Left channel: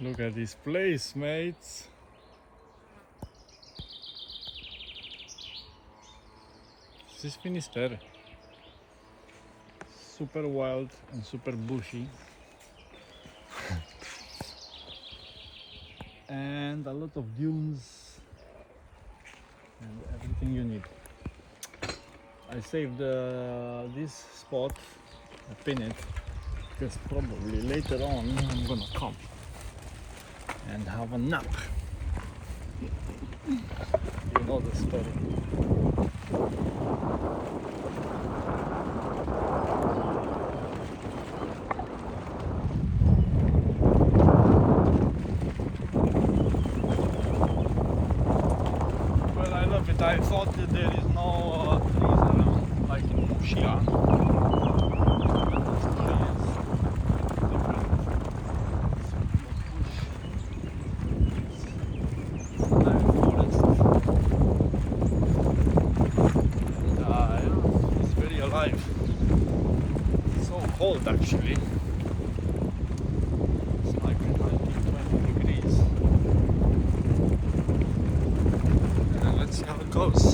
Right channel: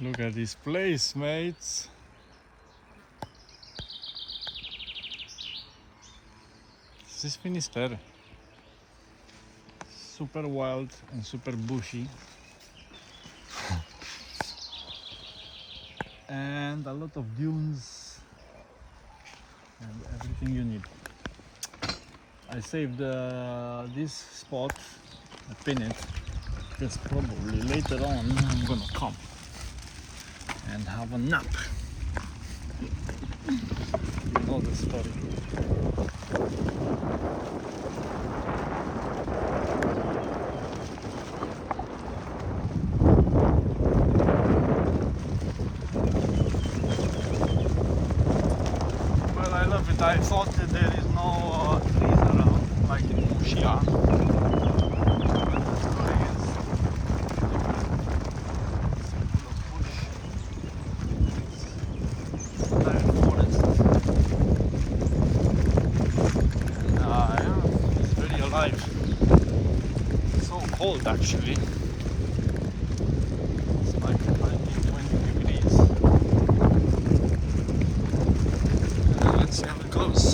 Look at this place, mates. This is Finisterre. Super wild and super bushy. And a lot of dunes and everything you need. I saved this spot, I pin it, because probably later on I'm gonna come and have a nap. You know the story. Well, I love it. I thought that there is no trees around, like in Mushia. Alive. So cold actually. It's like 19-20 degrees. Let's see how it goes.